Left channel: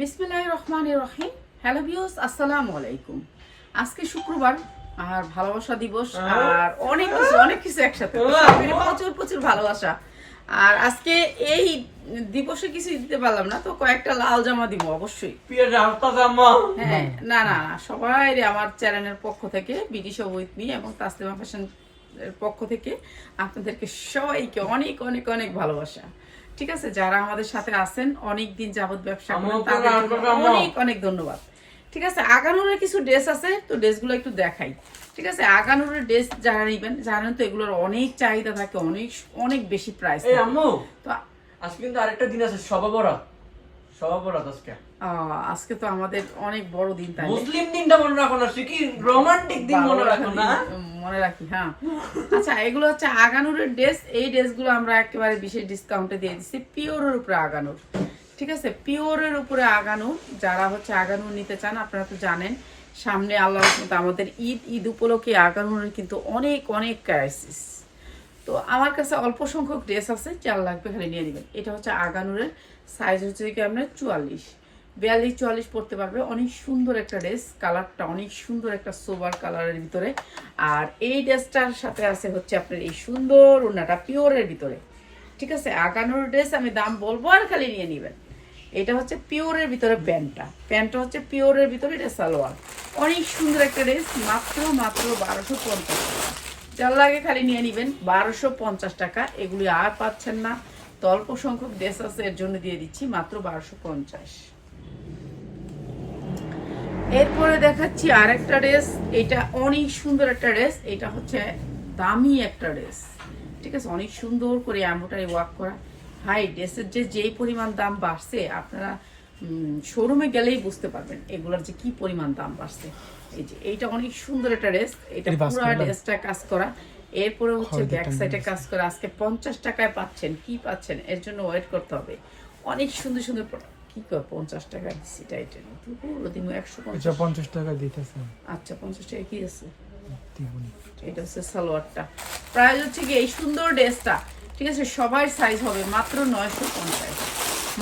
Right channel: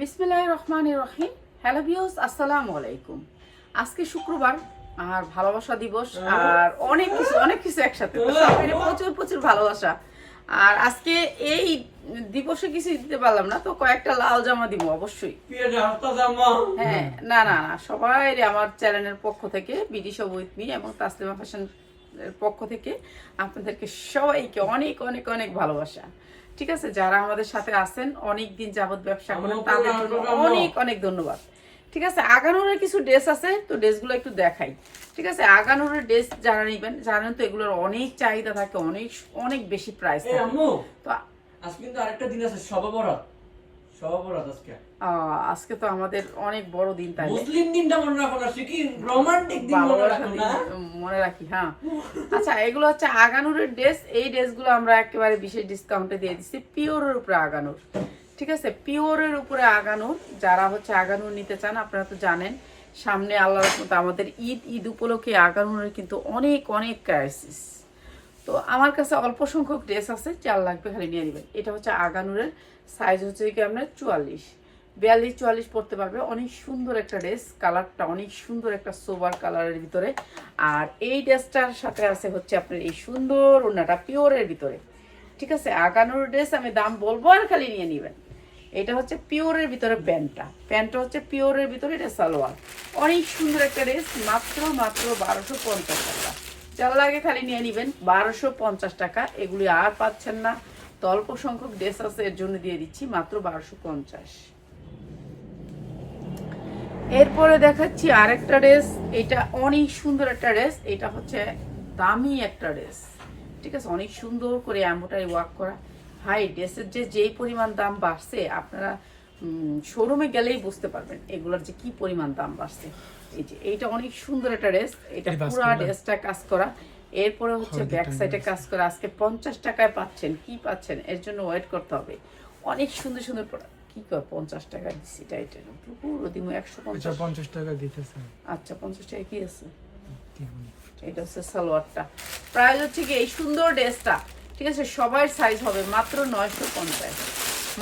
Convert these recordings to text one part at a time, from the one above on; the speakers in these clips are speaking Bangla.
বিসমিল্লাহ রহমান রহিম হ্যালো ভিউস আসসালামু আলাইকুম। আজকে শুক্রবার আর ভালোবাসা দিবস আর অনেক কিছু অনেক কিছু একসাথে। প্রচুর প্রচুর ভালোবাসা। আর আজকে এই দিবসে কিছু দিতে পারলাম না তো কয়েকটা লাল জামা দিব অবশ্যই। জামা। হ্যাঁ না না না সবাই আমার চ্যানেলের পক্ষ থেকে বিডিশ উইথ মি এবং তাসলিমা ফ্যাশন পক্ষ থেকে আপনাদেরকে সবাইকে অনেক অনেক অনেক ভালোবাসা। ঠিক আছে যারা আমাদের সাথে আছেন অনেক দিন যাবত ব্যবসা করেন তাদের অনেক অনেক ধন্যবাদ। ঠিক আছে আগানোরের কিছু ড্রেস আছে তো ড্রেসগুলো একটু দেখাই। ঠিক আছে আগানোরের ড্রেস যারা নিবেন জানেন তো এগুলোর অনেক চাহিদা থাকে অনেক অনেক বেশি প্রাইস তো আজকে কিন্তু আরেকটা দিন আছে সবা বরাত সবা বরাত আজকে তো আমাদের অনেক বড় দিন তাই। মুসলিম দিনটা মনে রাখো না কি রোমান্টিক দিন মনে রাখো না। মনে রাখি হ্যাঁ। আচ্ছা এগুলো হচ্ছে আগানুরের ড্রেস এই ড্রেসগুলো আমরা একেবারে বিশেষ ডিসকাউন্টে দিয়ে দিচ্ছি পিওরের উপরে আগানুর। ঠিক আছে? পিওরের উপরে আগানুর যারা হচ্ছে আগানুর নিতে চান আপনারা তো জানেন সামনে আল্লাহ আমাদের ঈদ ঈদ উপলক্ষে আগানুরের কিন্তু অনেক অনেক ক্রাইসিস তো আমার কাছে অল্প সংখ্যক ড্রেস আছে চার লাগবে খালি নিয়ে নেবেন। এটা হচ্ছে আগানুরের সাইজ হচ্ছে কি আপনার চুয়াল্লিশ। বিয়াল্লিশ, চুয়াল্লিশ পড়তে পারবে। অনেক সুন্দর একটা ড্রেস কালারটা অনেক সুন্দর একটা সোবার কালারের ভিতরে। আর এই ড্রেসটার সাথে আছে হচ্ছে আপনার এই সুন্দর ওনাটা পিওরের ভিতরে। ঠিক আছে? আগানোর ড্রেস আমি দাম বলব আর খালি নিয়ে নেবেন। এটা হচ্ছে পিওরের ভিতরে প্যান্টটা। প্যান্টটা হচ্ছে পিওরের ভিতরে, এটা সালোয়ার। অনেক সুন্দর একটা ড্রেস মাত্র মাত্র বারোশো পঞ্চাশ টাকা। যার লাগে খালি নিয়ে নেবেন, বারোশো পঞ্চাশ টাকা। এগুলি আর পাচ্ছেন না। অল্প সংখ্যক ড্রেস আছে এর জন্য দিয়ে দিচ্ছি মাত্র বারোশো পঞ্চাশ। এরপরে দেখাচ্ছি আরেকটা ড্রেস। এটা অনেক সুন্দর একটা ড্রেস। এটা হচ্ছে দামি একটা ড্রেস। ঠিক আছে? অনেক সুন্দর করে এম্বোটারি ওয়ার্ক করা। হাই ড্রেসের যে যেই পরিমাণ দাম বাড়ছে আপনারা শোরুমে গেলেই বুঝতে পারবেন এগুলোর যে কি পরিমাণ দাম বাড়ছে। এই যে এইটা অনেক সুন্দর একটা ড্রেস। এটা পুরো। ড্রেসটা কাজ করা। এরপরে হচ্ছে ব্যাক সাইডে কাজ করা আজকে পঞ্চাশ টাকায় পাচ্ছেন কি পাচ্ছেন? এর জন্য ওয়েট করতে হবে। অনেক সুন্দর সুন্দর প্রোডাক্ট কি কর পঞ্চাশ টাকা দিচ্ছি টাইটেল পুরো দিন একশো পঞ্চাশ। টাকা দিতেছে। আচ্ছা পঞ্চাশ টাকা কি আছে? এটা হচ্ছে সালোয়ারটা। প্রাইস হচ্ছে কি এই সুন্দর ড্রেসটা। ঠিক আছে সবার সাইজ হবে মাত্র নয়শো পঞ্চাশ।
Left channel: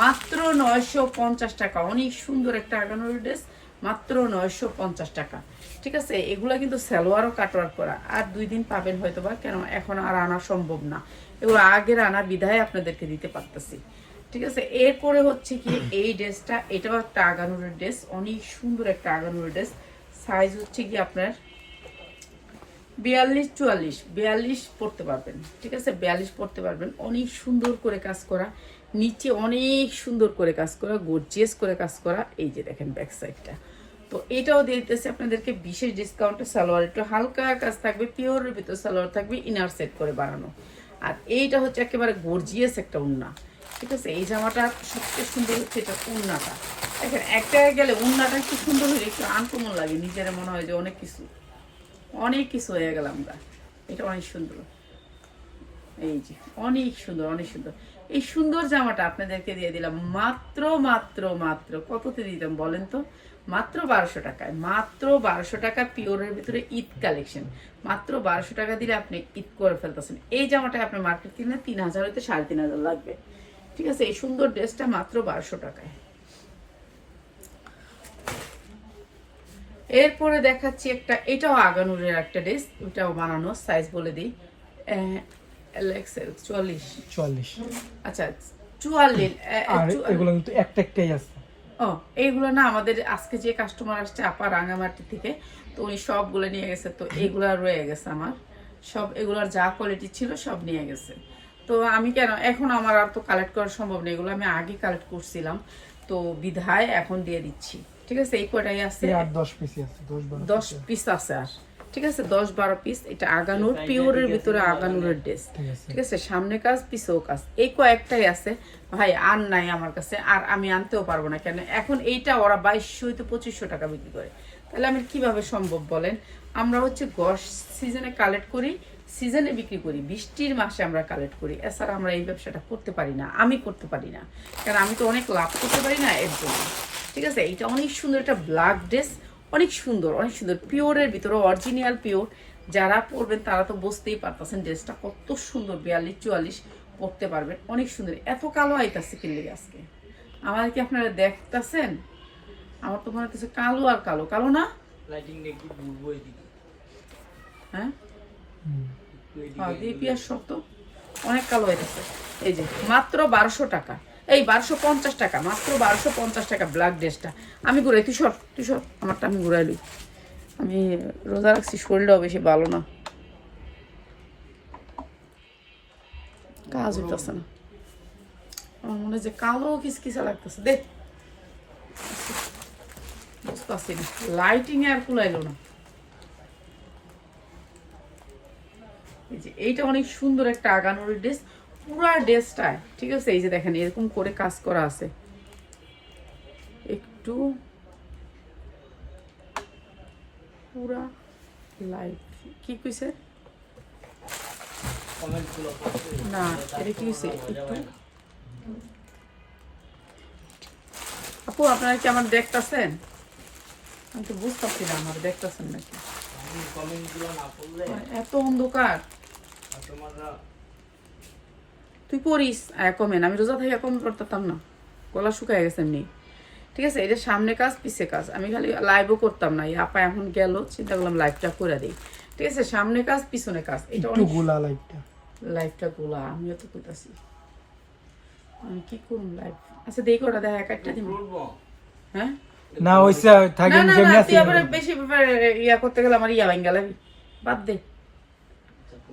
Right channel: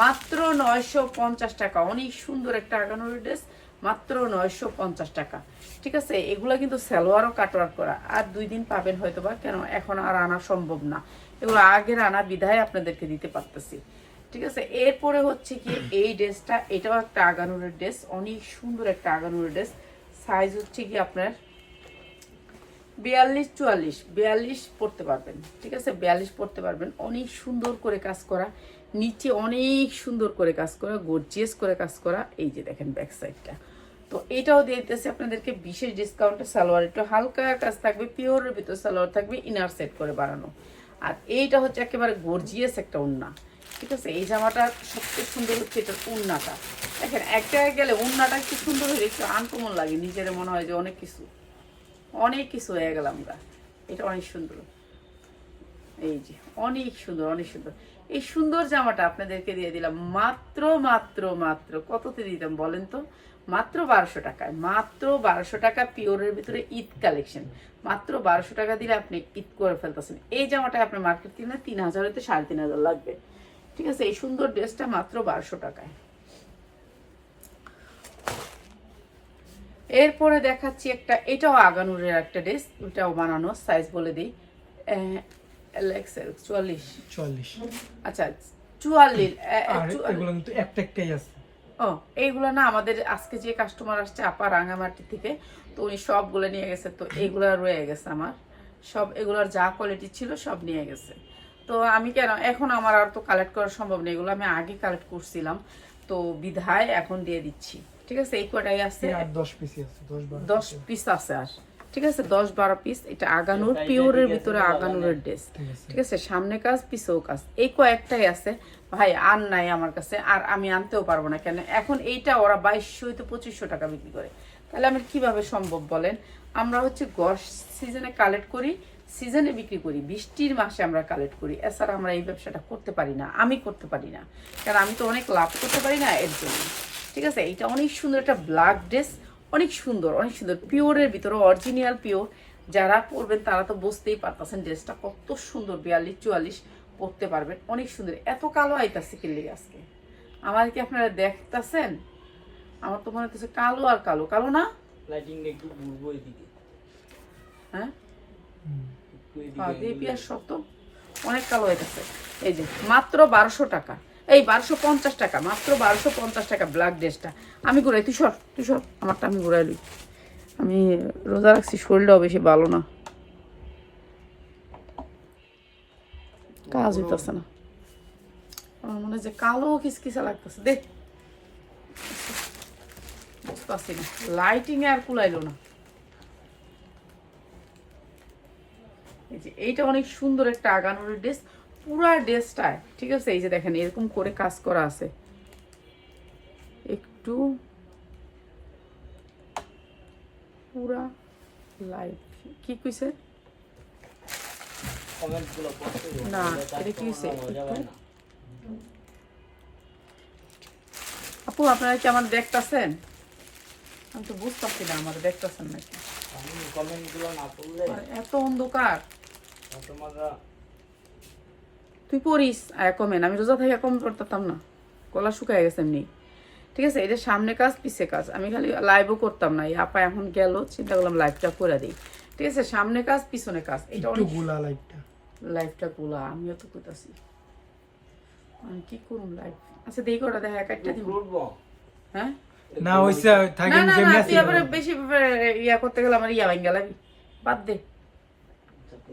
মাত্র নয়শো পঞ্চাশ টাকা। অনেক সুন্দর একটা আগানোর ড্রেস মাত্র নয়শো পঞ্চাশ টাকা। ঠিক আছে, এগুলা কিন্তু সালোয়ারও কাটওয়ার করা। আর দুই দিন পাবেন হয়তো বা কেন এখন আর আনা সম্ভব না। এগুলো আগের আনা বিধায় আপনাদেরকে দিতে পারতেছি। ঠিক আছে, এরপরে হচ্ছে কি, এই ড্রেসটা, এটাও একটা আগানুরের ড্রেস, অনেক সুন্দর একটা আগানুরের ড্রেস। সাইজ হচ্ছে কি আপনার বিয়াল্লিশ চুয়াল্লিশ, বিয়াল্লিশ পড়তে পারবেন। ঠিক আছে, বিয়াল্লিশ পড়তে পারবেন। অনেক সুন্দর করে কাজ করা। নিচে অনেক সুন্দর করে কাজ করা গর্জিয়াস করে কাজ করা। এই যে দেখেন ব্যাক সাইডটা তো এটাও দিতেছি আপনাদেরকে বিশেষ ডিসকাউন্টে সালোয়ার। একটু হালকা কাজ থাকবে, পিওরের ভিতর সালোয়ার থাকবে ইনার সেট করে বানানো। আর এইটা হচ্ছে একেবারে গর্জিয়াস একটা উন্না। ঠিক আছে? এই জামাটা সবচেয়ে সুন্দর হচ্ছে এটা উন্নাটা। দেখেন, এক জায়গায় গেলে উন্নাটা একটু সুন্দর হলে একটু আনকমন লাগে। নিজের মনে হয় যে অনেক কিছু। অনেক কিছু হয়ে গেলাম আমরা। এটা অনেক সুন্দর। এই যে, অনেক সুন্দর অনেক সুন্দর। এই সুন্দর জামাটা আপনাদেরকে দিয়ে দিলাম। মাত্র মাত্র মাত্র কততে দিতাম বলেন তো? মাত্র বারোশো টাকায় মাত্র বারোশো টাকা পিওরের ভিতরে ঈদ কালেকশন মাত্র বারোশো টাকা দিলে আপনি ঈদ করে ফেলতেছেন। এই জামাটা আপনি মার্কেট কিনে তিন হাজার হইতে সাড়ে তিন হাজার লাগবে। ঠিক আছে এই সুন্দর ড্রেসটা মাত্র বারোশো টাকায়। এরপরে দেখাচ্ছি একটা এটাও আগানুরের একটা ড্রেস ওটাও বানানো সাইজ বলে দিই। চুয়াল্লিশ। চুয়াল্লিশ। আচ্ছা চুয়াল্লিশ একটা একটাই আছে। ও এইগুলো না আমাদের আজকে যে কাস্টমার আসছে আপা রাঙামাটি থেকে তো উনি সবগুলো নিয়ে গেছে তো এগুলা রয়ে গেছে আমার। সব এগুলোর যা কোয়ালিটি ছিল সব নিয়ে গেছে। তো আমি কেন এখন আমার আর তো কালেক্ট করা সম্ভব নেই এগুলো আমি আগে কালেক্ট করছিলাম। তো বিধায় এখন দিয়ে দিচ্ছি। ঠিক আছে এই কটাই আছে? দশ পিসি আছে দশ পিস আছে আর। ঠিক আছে দশ বারো পিস এটা আগানুর পিওরের ভিতরে আগানুরের ড্রেস ঠিক আছে। সামনে কাজ পিছেও কাজ এই কয়েকটাই আছে। ভাই আর নাই আমার কাছে আর আমি আনতেও পারব না কেন এখন এইটা ওরা বাইশশো তো পঁচিশশো টাকা বিক্রি করে। তাহলে আমি কীভাবে সম্ভব বলেন? আমরা হচ্ছে গস সিজনে কালেক্ট করি সিজনে বিক্রি করি বৃষ্টির মাসে আমরা কালেক্ট করি এছাড়া আমরা এই ব্যবসাটা করতে পারি না আমি করতে পারি না। কারণ আমি তো অনেক লাভ করতে পারি না এর জন্য। ঠিক আছে এটা অনেক সুন্দর একটা ব্ল্যাক ড্রেস অনেক সুন্দর অনেক সুন্দর। পিওরের ভিতরে অরিজিনাল পিওর যারা পরবেন তারা তো বুঝতেই পারতেছেন ড্রেসটা কত সুন্দর বিয়াল্লিশ চুয়াল্লিশ পরতে পারবেন। অনেক সুন্দর। এত কালো আইতাছে কিনলে আজকে। আমার কি আপনারা দেখতাছেন? আমার তো মনে হচ্ছে কালো আর কালো। কালো না? হ্যাঁ? হ্যাঁ, দিয়ে অনেক কালো হইতেছে। এই যে মাত্র বারোশো টাকা। এই বারোশো পঞ্চাশ টাকা, মাত্র বারোশো পঞ্চাশ টাকা ব্ল্যাক ড্রেসটা আমি ঘুরাই, তুই সর তুই সর, আমারটা আমি ঘুরাই লই। আমি রোজা রাখছি, শরীরটাও বেশি ভালো না। কাজ হইতেছে না। আমার মনে হয় যে কালো কিসকিসা লাগতেছে। দেখ বুঝতেছি না। লাইটিং আর কুলাইলো না। এইটা অনেক সুন্দর একটা আগানোর ড্রেস পুরা ড্রেসটায় ঠিক আছে? এই যে দেখেন এরকম করে কাজ করা আছে। একটু পুরা লাইট কি কইছে? না এটা কি হয়েছে একটু। আপু আপনারা কি আমার দেখতাছেন? আমি তো বুঝতেছি না আমার দেখতাছেন নাকি? এত অন্ধকার। তুই পড়িস আর কমেন। আমি রোজা থেকে কম করতাম না। গলা শুকায় গেছে এমনি। ঠিক আছে এটা সামনে কাজ পিছে কাজ। আমি খালি লাইভও করতাম না। এই আপা এখন গেল চিন্তা করলাম লাইভটা করে দিই। ঠিক আছে সামনে কাজ পিছনে কাজ। এটা অনেক গোলা লাইটটা লাইভটা গোলা আমিও তো কইতাছি। আমি কি করুন লাইভ আচ্ছা দেখি ওটা দেখা এক একটা দিব হ্যাঁ? না ওইসা না থাকেন না না তুই আবার বেশি ইয়া করতে গেলে আমার ইয়া ভাঙ্গা লাগবে। বাদ দে।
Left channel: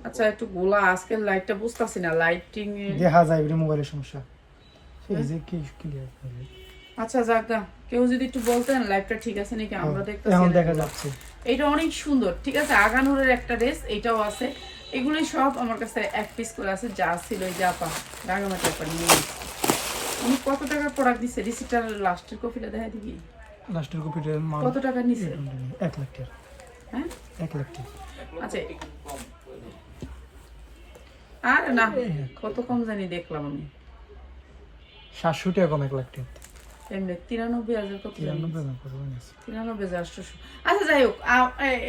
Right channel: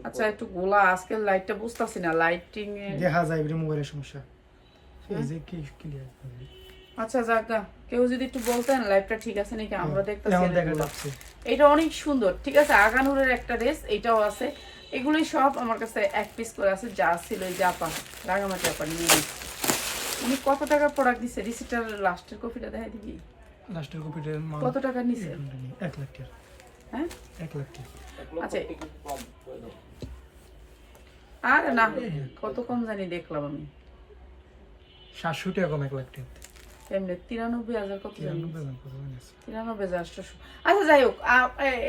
আচ্ছা একটু গোলা আজকের লাইটটা বুঝতাছি না লাইটিং দেখা যায় এগুলো মোবাইলের সমস্যা। কি ক্লিয়ার আচ্ছা যাকা কেউ যদি একটু বলতেন লাইভটা ঠিক আছে নাকি? আমরা দেখতেছি এটা অনেক সুন্দর ঠিক আছে? আগানুরের একটা ড্রেস এটাও আছে। এগুলো সব আমার কাছে এক পিস করে আছে যা ছিল এই জাপা রাগামাটি আপা নিয়ে উনি কত টাকার প্রোডাক্ট দিচ্ছে রিসিপ্টার লাস্টের কপিটা দেখা দিবি লাস্টের কপিটার মান কত টাকা নিছে? এক লাখ টাকা হ্যাঁ? এক লাখ টাকা আচ্ছা আর না কত কম জানি দেখলাম আমি। সাতশো টাকা কম এক লাখ টাকা। এমনি তিরানব্বই হাজার কত তিরানব্বই দাম পড়বে না। তিরানব্বই হাজার আটশোশো। আচ্ছা যাই হোক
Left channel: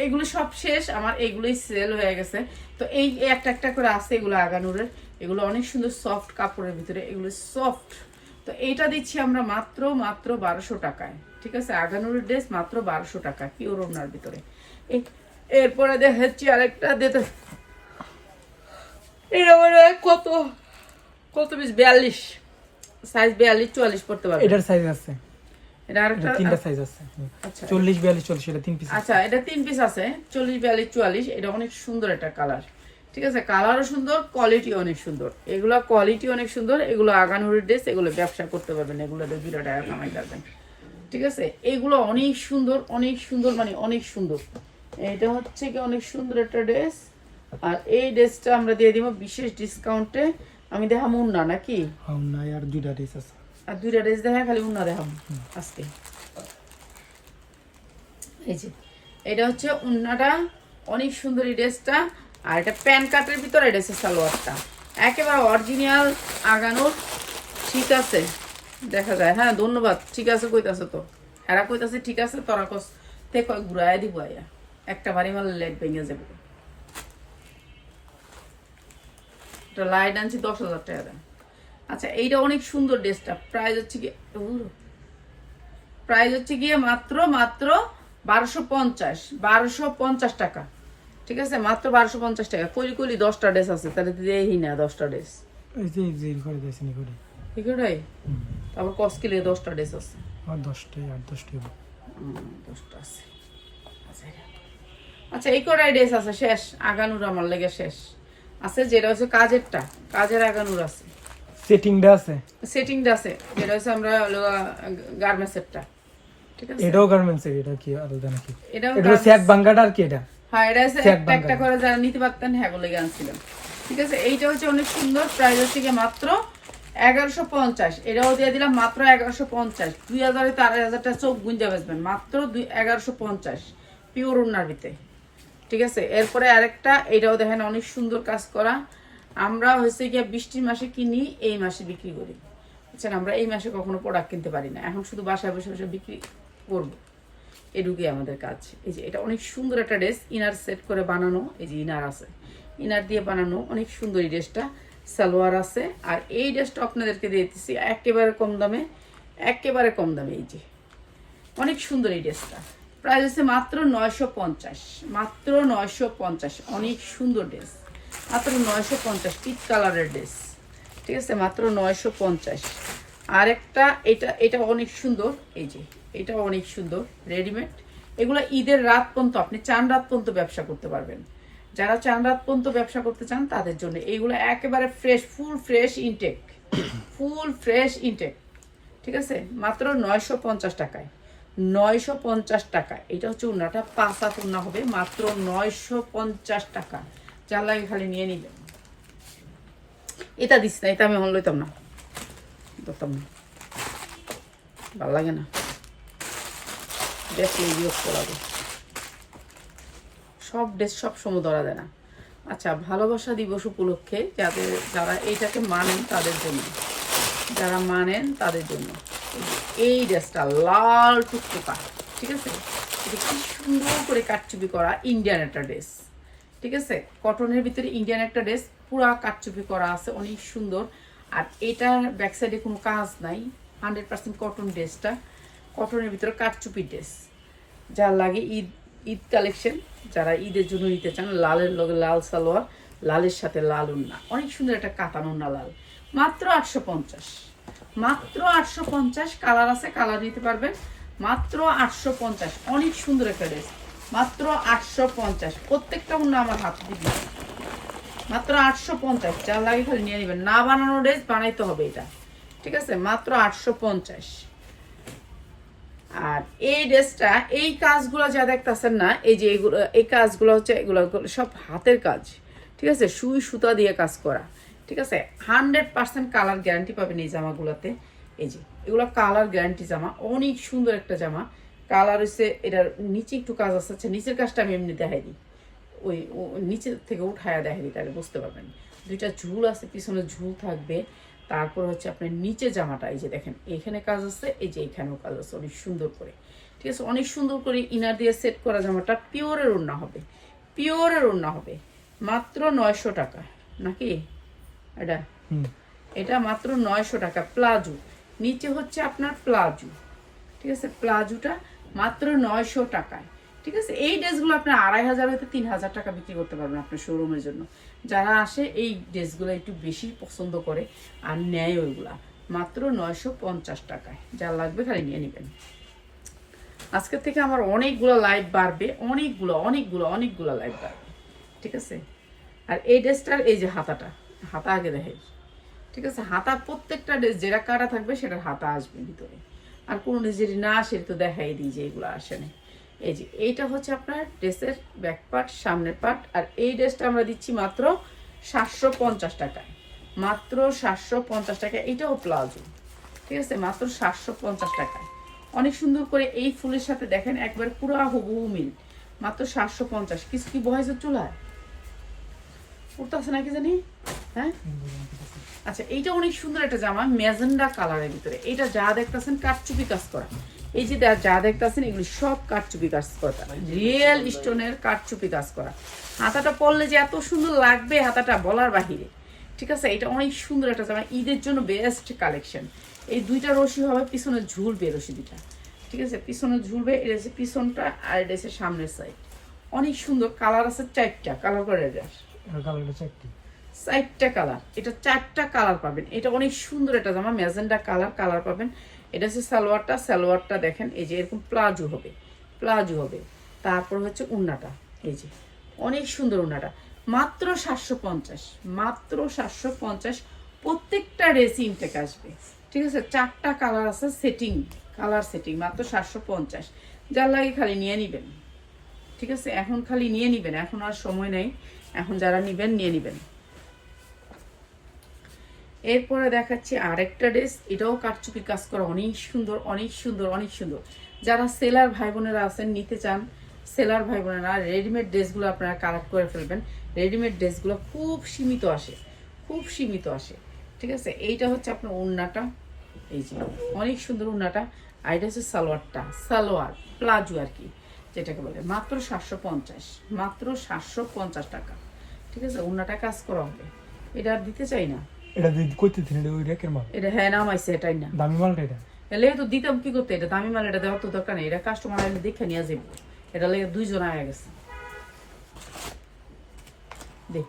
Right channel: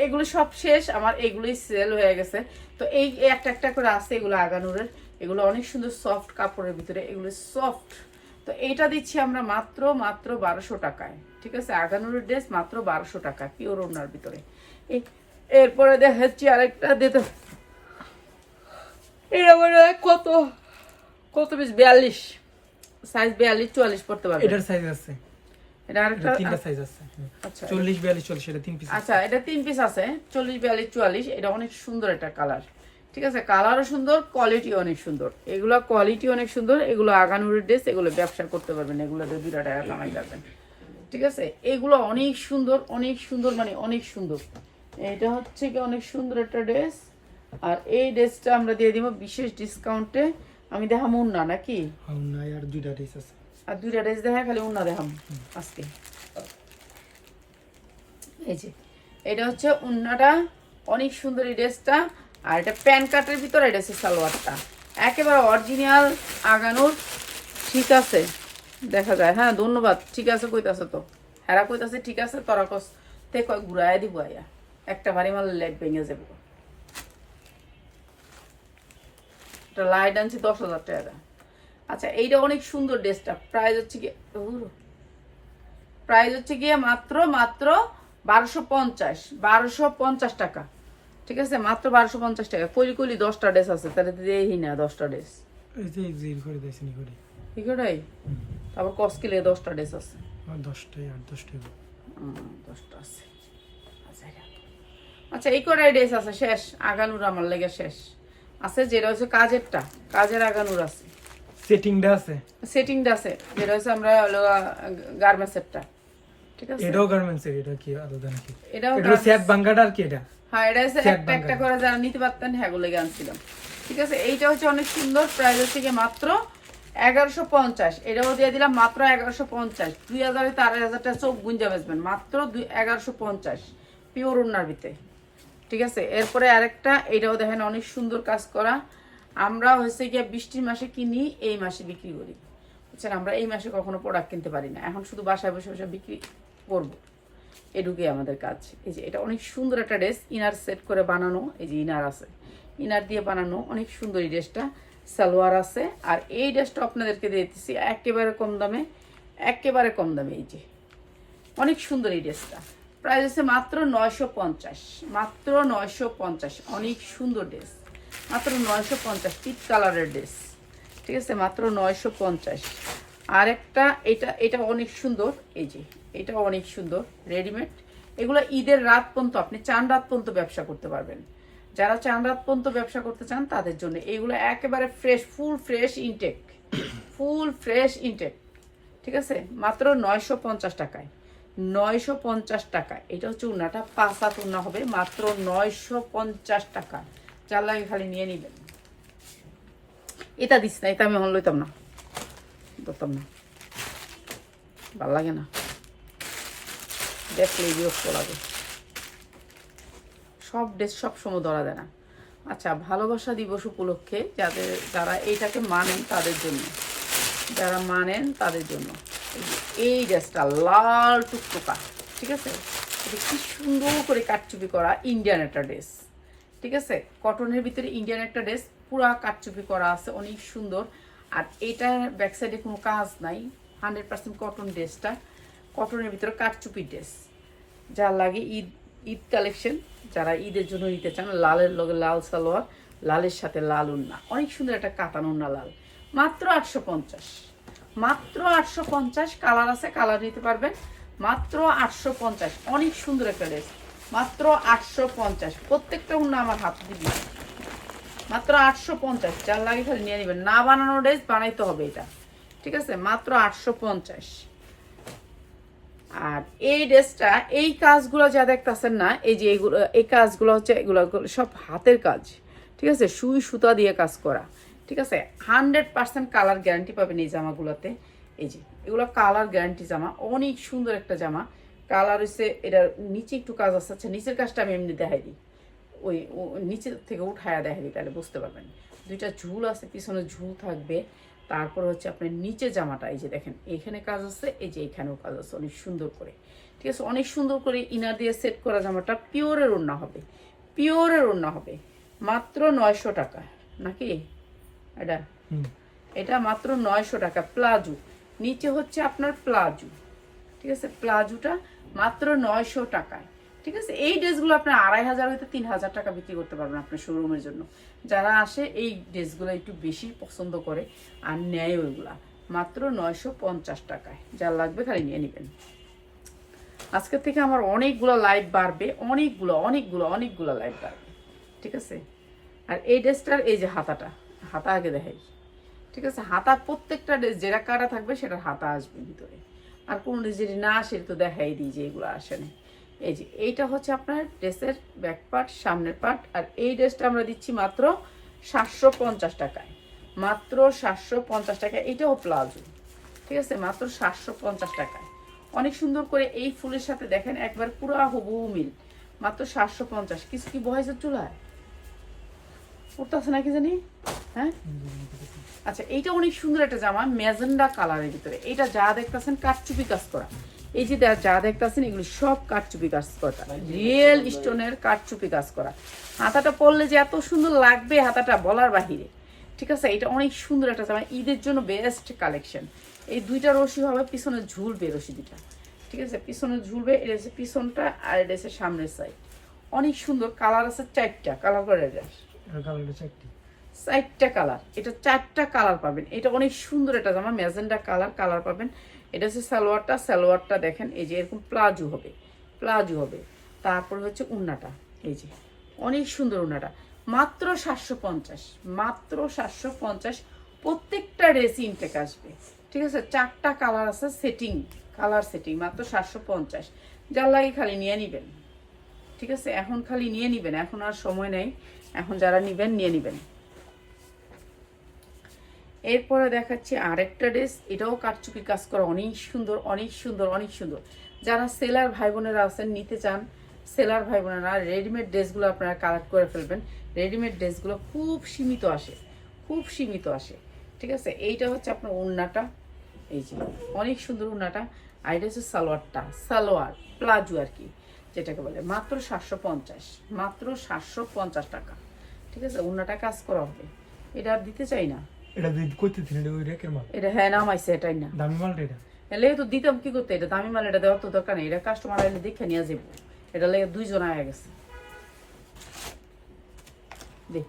এগুলো সব শেষ আমার এগুলোই সেল হয়ে গেছে। তো এই একটা একটা করে আছে এগুলো আগানুরের। এগুলো অনেক সুন্দর সফট কাপড়ের ভিতরে এগুলো সফট তো এইটা দিচ্ছি আমরা মাত্র মাত্র বারোশো টাকায়। ঠিক আছে? আগানুরের ড্রেস মাত্র বারোশো টাকা পিওর ওনার ভিতরে। এরপরে দেখাচ্ছি আরেকটা দিতে এটা মনে কত কত পিস বিয়াল্লিশ। সাইজ বিয়াল্লিশ চুয়াল্লিশ পড়তে পারবে। এটার সাইজ আছে। এটা আরেকটা তিনটা সাইজ আছে। আচ্ছা। চল্লিশ বিয়াল্লিশ চল্লিশ এটা তিন পিস আচ্ছা এটা তিন পিস আছে। চল্লিশ বিয়াল্লিশ চুয়াল্লিশ এটা অনেক সুন্দর একটা কালার ঠিক আছে? কালারও সুন্দর কোয়ালিটি অনেক সুন্দর। এগুলো কোয়ালিটি অনেক সুন্দর এগুলো আগানুরের ড্রেস এগুলো ব্যবসা করতে পারবেন। এগুলো দুটা টাকা কামাই করবেন। ঠিক আছে? এগুলো অনেক সুন্দর অনেক সুন্দর মানে অনেক সুন্দর। এটা হচ্ছে কি অনেক সুন্দর একটা ড্রেস আর এই ড্রেসটা আমরা দিয়ে দিব বিশেষ ডিসকাউন্টে আমি দেখাবো উন্না নাকি? নাই আর দুইটা ডিস আছে। আর দুইটা ড্রেস দেখা খালি উন্না দেখাবো আজকে। এই যে এটা হচ্ছে উন্নাটা। অনেক সুন্দর এই ড্রেসটা। আর এটা প্যান কাটের ভিতরে হচ্ছে সালোয়ারটা। একেবারে অরিজিনাল আগানোর ঠিক আছে। দেখা যায় হ্যাঁ ধন্যবাদ। ঠিক আছে কইতাছে তো। হেরা কইতাছে ঠিক আছে তোরা কস। তে কয় ঘুরাই দিব আয়া। একটা বাড়ি মারলে লেগ ভেঙে যাবে। এটা লাইট আনছি দশ হাজার টাকা আচ্ছা এইটা অনেক সুন্দর ড্রেসটা। প্রাইস হচ্ছে কি প্রাইস হচ্ছে গিয়ে মাত্র মাত্র বারোশো পঞ্চাশ বারোশো পঞ্চাশ টাকা। ঠিক আছে? মাত্র বারোশো পঞ্চাশ টাকা। কলি কলি দশটা ড্রেস আছে তাহলে তো দেই না দশটা ড্রেস। এগুলোই? তারপর কস্কিলে দশটা ড্রেস আছে। দশটাই আট দশটাই দশটা আছে। আচ্ছা আচ্ছা এই কটাই ড্রেস আছে শেষ। আগানুর আমার লেগে শেষ। আছে যেটা হচ্ছে কাজেরটা কাজের আগানুর আছে। সেটিংটা আছে? সেটিংটা আছে যেটা হচ্ছে আমরা গার্মেন্টসেরটা ঠিক আছে? এটাও গার্মেন্টস এটা কি আলাদা নাকি? এটা স্যাক বাঙ্গাটা আর কি এটা? হ্যাঁ এটা হচ্ছে একটা একটা করে যারা নিতে পারতেন হ্যাঁ আনছিলাম ঠিক আছে? এইটা হচ্ছে অনেক সুন্দর প্রাইস হচ্ছে মাত্র এগারোশো পঞ্চাশ। এটাও দিয়ে দিলাম মাত্র এগারোশো পঞ্চাশ। দুই হাজারে তো আড়াই হাজারটা চোখ গুঞ্জা বেচবেন মাত্র দুই এগারোশো পঞ্চাশ। পিওর উন্নার ভিতরে। ঠিক আছে? এরপরে আরেকটা, এটাও দেখেন অনেক সুন্দর কাজ করা। আমরা হয়েছে গিয়ে বৃষ্টির মাসে কিনি, এই মাসে বিক্রি করি। বুঝছেন? আমরা এই মাসে কখনো প্রোডাক্ট কিনতে পারি না। এখন শুধু বাসায় বসে বসে বিক্রি করব। এটুকুই আমাদের কাজ। এই যে এটা অনেক সুন্দর একটা ড্রেস ইনার সেট করে বানানো। এই যে ইনার আছে। ইনার দিয়ে বানানো অনেক সুন্দর এই ড্রেসটা সালোয়ার আছে। আর এই ড্রেসটা আপনাদেরকে দিয়ে দিচ্ছি একেবারে কম দামে, একেবারে কম দামে এই যে। অনেক সুন্দর এই ড্রেসটা প্রাইস হচ্ছে মাত্র নয়শো পঞ্চাশ, মাত্র নয়শো পঞ্চাশ, অনেক সুন্দর ড্রেস। মাত্র নয়শো পঞ্চাশ পিট কালারের ড্রেস। ঠিক আছে, মাত্র নয়শো পঞ্চাশ। আর একটা এটা এটা অনেক সুন্দর, এই যে, এটা অনেক সুন্দর, রেডিমেড। এগুলো ঈদের রাত পর্যন্ত আপনি চান রাত পর্যন্ত ব্যবসা করতে পারবেন। যারা চান রাত পর্যন্ত ব্যবসা করতে চান, তাদের জন্য এইগুলো একেবারে fresh full fresh intake full fresh intake ঠিক আছে, মাত্র নয়শো পঞ্চাশ টাকায়। নয়শো পঞ্চাশ টাকা। এটা হচ্ছে উন্নাটা পাঁচ উন্না হবে, মাত্র নয়শো পঞ্চাশ টাকা। যার লাগে খালি নিয়ে নিবেন। এটা দিস না, এটা আমি হন লইতাম না। ধরতাম না। ভালো লাগে না। দেখলে বিরক্ত লাগে। সব ড্রেস সব সময় ধরা দেয় না। আচ্ছা ভালোবাসা দিবস উপলক্ষে যাদের, যারা এইটাকে মানেন তাদের জন্য। যারা মানেন তাদের জন্য। এই ড্রেসটা লাল টুকটুকা, ঠিক আছে? এটা কি সুন্দর করে কাটচুপি করা ইন্ডিয়ান একটা ড্রেস, ঠিক আছে? কটনের ভিতরে ইন্ডিয়ান একটা ড্রেস, পুরা কাটচুপি করা আছে, অনেক সুন্দর। আর এটার ব্যাক সাইডে কোনো কাজ নাই হান্ড্রেড পার্সেন্ট কটন ড্রেসটা, কটনের ভিতরে কাটচুপি ড্রেস। যার লাগে ঈদ ঈদ কালেকশন যারা ঈদের জন্য নিতে চান, লালের লগে লাল সালোয়ার, লালের সাথে লাল উন্না। অনেক সুন্দর একটা কাতান উন্না লাল, মাত্র আটশো পঞ্চাশ। মাত্র আটশো পঞ্চাশ কালার আছে কালার নিতে পারবেন। মাত্র আটশো পঞ্চাশ, অনেক সুন্দর একটা ড্রেস মাত্র আটশো পঞ্চাশ, প্রত্যেকটা উন্না আমার হাত দিবি মাত্র আটশো পঞ্চাশ, যার লাগে খালি নিয়ে নেবেন। না বানানো ড্রেস বানাইতে হবে এটা। ঠিক আছে? মাত্র আটশো পঞ্চাশ। আর এই ড্রেসটা এই কাজগুলো যা দেখতেছেন না, এই যে এগুলো, এই কাজগুলো হচ্ছে এগুলো সব হাতের কাজ। ঠিক আছে? সুই সুতা দিয়ে কাজ করা। ঠিক আছে? হান্ড্রেড পার্সেন্ট কালার গ্যারান্টি পাবেন এই জামাগুলোতে। এই যে এগুলো কালার গ্যারান্টি জামা অনেক সুন্দর একটা জামা। কালার হচ্ছে এটার নিচে একটু কাজ আছে। আচ্ছা, নিচের কাজটা আমি এমনি দেখাই দিই। ওই নিচের থেকে উঠায়া দিই তাহলে বুঝতে পারবেন। দুইটা ঝুল আছে পিছনে ঝুল থাকবে। তারপর হচ্ছে আপনার নিচে জামাটা এই যে দেখেন এখানে কাজ আছে এই যে এখানেও কাজ আছে অনেক সুন্দর করে। ঠিক আছে অনেক সুন্দর করে ইনার দিয়ে সেট করা জামাটা পিওরের ওড়না হবে। পিওরের ওড়না হবে। মাত্র নয়শো টাকা নাকি? এটা? এটা মাত্র নয়শো টাকা প্লাজো। নিচে হচ্ছে আপনার প্লাজো। ঠিক আছে? প্লাজোটা মাত্র নয়শো টাকায়। ঠিক আছে? এই ড্রেসগুলো আপনার আড়াই হাজার হয়তো তিন হাজার টাকা বিক্রি করতে পারবেন আপনার শোরুমের জন্য। যারা আসে এই ড্রেসগুলো একটু বেশি পছন্দ করে আর নেয় ওইগুলা মাত্র নয়শো পঞ্চাশ টাকায়। যা লাগবে খালি নিয়ে নেবেন। আজকের থেকে আমার অনেকগুলো লাইভ বাড়বে অনেকগুলো অনেকগুলো অনেকগুলো লাইভ বাড়বে। ঠিক আছে? আর এই ড্রেসটার এই যে হাতাটা হাতা আগে দেখাই। ঠিক আছে? হাতার প্রত্যেকটা ড্রেস যেটা কাটা থাকবে সেটার হাতা আসবে ভিতরে। আর কোনো ড্রেস যদি না আসে তো দেখাই দিই যে এগুলো আসে না এই যে, এইটা হচ্ছে আপনার ড্রেসের ব্যাক পার্ট, সামনের পার্ট। আর এই ড্রেসটা আমরা দিচ্ছি মাত্র সাতশো পঞ্চাশ টাকায়। মাত্র সাতশো পঞ্চাশ টাকা এইটাও প্লাজো। ঠিক আছে? মাত্র সাতশো পঞ্চাশ টাকায়। অনেক সুন্দর করে এই ফুলের সাথে দেখেন, একবার পুরো হুবহু মিল। মাত্র সাতশো পঞ্চাশ। কিছু কি বয়সের চুলায়? উঠতেছে নাকি জানি? হ্যাঁ? আচ্ছা এইটা অনেক সুন্দর একটা জামা ম্যাজেন্ডা কালারের ভিতরে। এটা যা দেখতেছেন, কাঠচুপি কাজ করা। এই যে যা- দেখতেছেন, এগুলো সব কাঠচুপি কাজ করা। রিয়েল স্টোনের কাঠচুপি কাজ করা। হাতাটা পরলে যে এত সুন্দর লাগবে হাতাটা বলার বাহিরে। ঠিক আছে? এটা অনেক সুন্দর একটা জামা। ঈদের জন্য বেস্ট কালেকশন এই দুইটা রশি হবে, পিছনে ঝুলবে রশি দুইটা। ঠিক আছে? পিছনে ঝুলবে, এটা হচ্ছে পিছনটা আর এটা হচ্ছে সামনের সাইড অনেক সুন্দর কালার আছে চারটা কালার করে কালারটা চারটি? কালার এটা চারটা কালার পাবেন। এটা অনেক সুন্দর একটা জামা, ম্যাজেন্ডা কালার কালার পাবেন। এটা হচ্ছে সালোয়ারটা। সালোয়ারটা দেখেন, এই যে এরকম প্লাজো হবে প্লাজো হবে। তারপর হচ্ছে উন্নাটা, এই যে। অনেক সুন্দর উন্নাটা। মাত্র সাতশো পঞ্চাশ, মাত্র সাতশো পঞ্চাশ। প্রত্যেকটা ড্রেস ইনটেক আসবে। ঠিক আছে? চারটা কালার আছে সেটিং কালার সেটিং মাত্র সাতশো পঞ্চাশ। যার লাগে খালি নিয়ে নিবেন। ঠিক আছে? এখন খালি নিয়ে নিবেন। এখন আর সময় নেই। এখন যারা নিবেন, নিয়ে নিবেন। এরপরে দেখাচ্ছি আরেকটা ড্রেস। এটাও কারচুপি কাজ করা, অনেক সুন্দর অনেক সুন্দর অনেক সুন্দর। যারা সেলার ভাই বোনেরা আছেন, নিতে চান, সেলার ভাই বোনেরা রেডিমেড ড্রেসগুলো আপনারা কালেক্ট করে ফেলবেন। রেডিমেড ড্রেসগুলো খুব সীমিত আসে, খুব সীমিত আসে। ঠিক আছে? এইটা হচ্ছে আপনার ওড়নাটা। এই যে, অনেক সুন্দর ওড়নাটা। আর এটা হচ্ছে সালোয়ারটা, সালোয়ার, প্লাজো আর কি, যেটাকে বলে। মাত্র সাতশো পঞ্চাশ, মাত্র সাতশো পঞ্চাশ টাকা। ঠিক আছে ওড়নাটা কাজ করা হবে। এটা আর দিতে চাই না। এটা দুই কইতে ছিল ওই রেকের মাল। এটা হ্যাঁ নামাইছে এটাই না দামি মালটা এটা? এলে তো দিতাম কি করতে? এটা দামি মাল এটা দেওয়ার তো দরকার নেই। এটা কাস্টমার আইলে দেখে নিয়ে যাব এটা লেগে দুইজন আয়া গেছে। দে।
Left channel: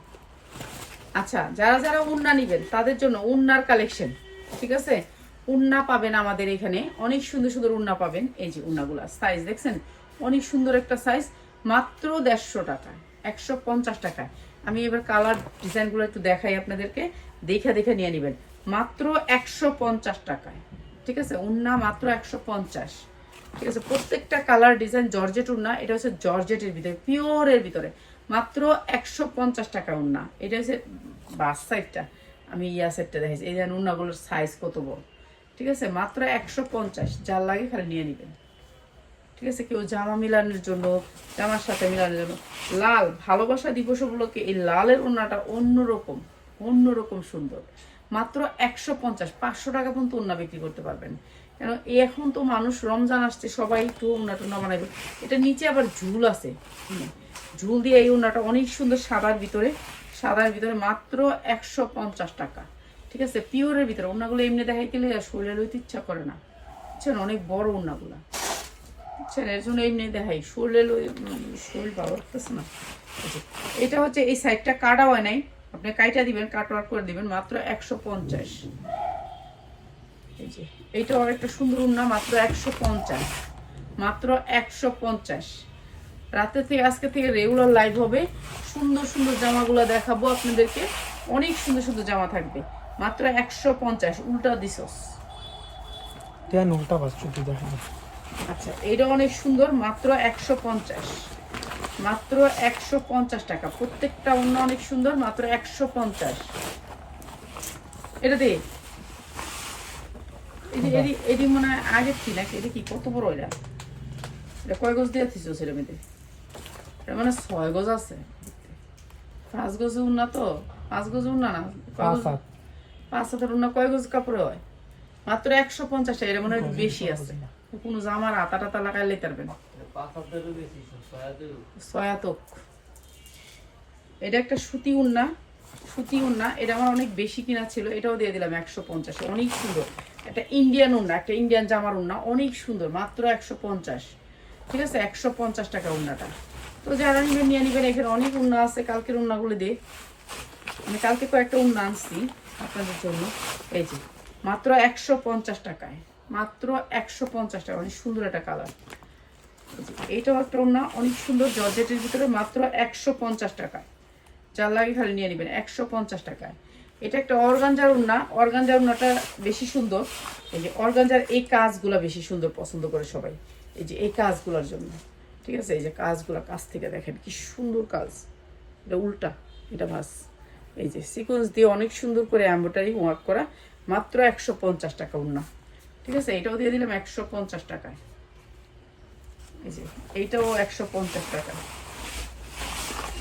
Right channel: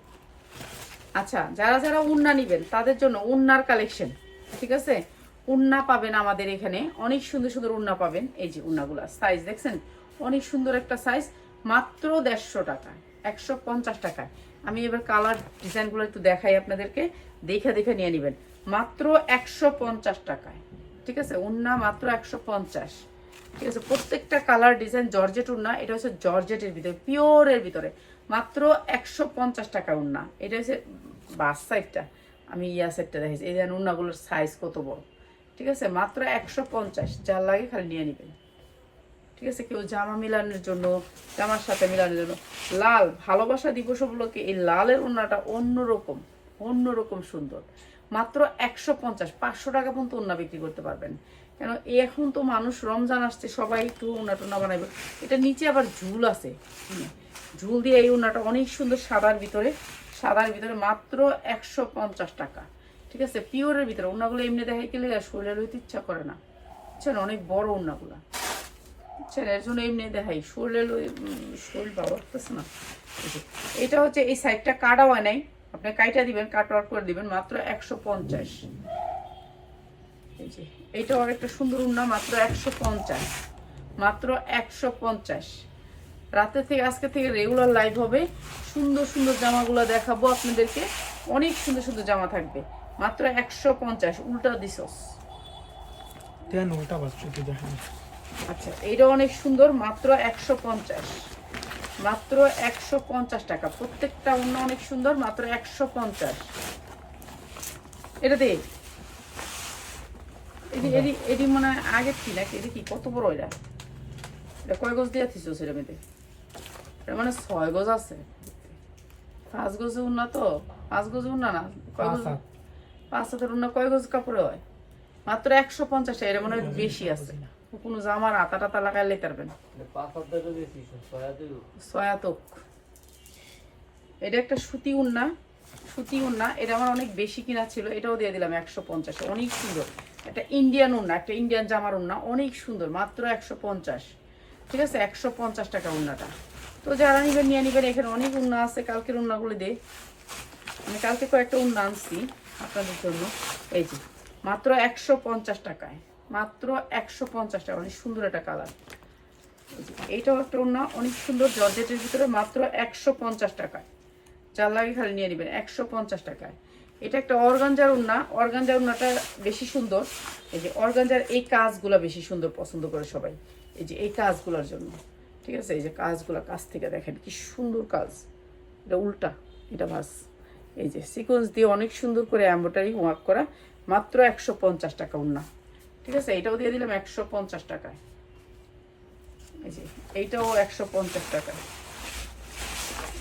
আচ্ছা যারা যারা উন্না নিবেন তাদের জন্য উন্নার কালেকশন ঠিক আছে? উন্না পাবেন আমাদের এখানে। অনেক সুন্দর সুন্দর উন্না পাবেন। এই যে উন্নাগুলা সাইজ দেখছেন? অনেক সুন্দর একটা সাইজ মাত্র দেড়শো টাকায় একশো পঞ্চাশ টাকায়। আমি এবার কালার ডিজাইনগুলো একটু দেখাই আপনাদেরকে। দেখে দেখে নিয়ে নেবেন। মাত্র একশো পঞ্চাশ টাকায়। ঠিক আছে? উন্না মাত্র একশো পঞ্চাশ। ঠিক আছে? প্রত্যেকটা কালার ডিজাইন জর্জেট উন্না, এটা হচ্ছে জর্জেটের ভিতরে পিওরের ভিতরে। মাত্র একশো পঞ্চাশ টাকা উন্না। এটা হচ্ছে বাস সাইডটা আমি ইয়া সাইডটা দেখেছি এই যেন উন্নাগুলোর সাইজ কত বড়? ঠিক আছে? মাত্র একশো পঞ্চাশ। যার লাগে খালি নিয়ে নেবেন। ঠিক আছে কেউ জামা মিলানোর জন্য, জামার সাথে মিলানোর জন্য। লাল, ভালোবাসা দিবস উপলক্ষে এই লালের ওড়নাটা অন্যরকম অন্যরকম সুন্দর। মাত্র একশো পঞ্চাশ, পাঁচশো টাকা পর্যন্ত ওড়না বিক্রি করতে পারবেন। কেন এখন তো মানুষ রমজান আসছে, সবাই একটু ওড়না টোনা বানাবে এটা নিচে আবার ঝুল আছে। ঝুল দিয়ে এই ওড়নাটা অনেক সুন্দর সাদার ভিতরে সাদার ভিতরে মাত্র একশো পঞ্চাশ টাকা। ঠিক আছে? পিওরের ভিতরে। ওড়নাগুলো এমনি দেখাই গেলে শরীরে লইতে ইচ্ছা করে না। বুঝছেন? অনেক বড় ওড়নাগুলা। এর জন্য এমনি দেখাই। শরীরে লই- উম, শরীর ভালো লাগতেছে না। এটা হচ্ছে এই সাইডটা কাটা হয় নাই। আপনি কাইটা দিবেন কাট করে দিবেন মাত্র একশো পঞ্চাশ। এই যে এইটাও একটা সুন্দর উন্না মাত্র একশো পঞ্চাশ। মাত্র একশো পঞ্চাশ। রাতে থেকে আজকে থেকে রেগুলার লাইভ হবে। সুন্দর সুন্দর জামাগুলো দেখাবো আপনাদেরকে। অনেক সুন্দর সুন্দর জামা থাকবে। মাত্র একশো পঞ্চাশ। উল্টা কেন উল্টা একটু দেখেন আচ্ছা এটা অনেক সুন্দর মাত্র একশো পঞ্চাশ। মাত্র একশো পঞ্চাশ টাকা। প্রত্যেকটা অন্য অনেক সুন্দর মাত্র একশো পঞ্চাশ। এটা দে। এটি এটি এটি মনে হয় আগের কি নাকি? এটি কি? কত বড় এটা? এটা কয় গজ দিয়ে থিস সেটা মেয়েদের এটা মানে ছয় গজ আছে। পাঁচ গজে উন্না তো? পাঁচ গজে উন্না না? কয় পাঁচ গজ? হাত পাঁচ হাতের উন্না কয় গজ কাপড়ে হয়? মাত্র একশো পঞ্চাশ টাকা। এটা মনে হয় বেশি আছে। কোনো জামার আতা টাতা লাগাই লেতে পারবেন এটা একটা সুতি উন্না সুতি উন্না, এটা আমার অনেক বেশি কিনা ছিল, এটাও দিয়ে দিলাম একশো পঞ্চাশে, অনেক সুন্দর। একটা ইন্ডিয়ান উন্না, একটা ইন্ডিয়ান জামার উন্না, অনেক সুন্দর, মাত্র একশো পঞ্চাশ। ঠিক আছে, একশো পঞ্চাশ টাকার উন্নাটা। তো যারা নিবেন নিয়ে নিবেন এখানে অনেক উন্না আছে, কালকের উন্নাগুলো দিয়ে আমি কালকে কয়েকটা উন্না আনছি আপনাদের জন্য। এই যে, মাত্র একশো পঞ্চাশ টাকায়। মাত্র একশো পঞ্চাশ টাকা, অনেক সুন্দর একটা কালার। এইটাও একটা ওড়না, অনেক সুন্দর জর্জেটের ভিতরে মাত্র একশো পঞ্চাশ টাকায় যার লাগে খালি নিয়ে নেবেন, একশো পঞ্চাশ টাকায়। এটা একটা অর্গানজার উন্না অর্গানজার উন্নাটা বেশি সুন্দর। এই যে অর্গানজার এই কাজগুলো বেশি সুন্দর পছন্দ করে সবাই। এই যে এই কাজগুলোর জন্য, ঠিক আছে? এই যে কাজগুলো কাজ থেকে দেখেন কি সুন্দর কাজ। এটা উল্টা, এটা ভাস। এই যে সিকোয়েন্স দিয়ে অনেক সুন্দর করে এম্ব্রয়ডারি ওয়ার্ক করা, মাত্র একশো পঞ্চাশ টাকা উন্না ঠিক আছে, এটাও দিয়ে দিলাম একশো পঞ্চাশ টাকায় এই যে, এইটাও একশো পঞ্চাশ টাকা।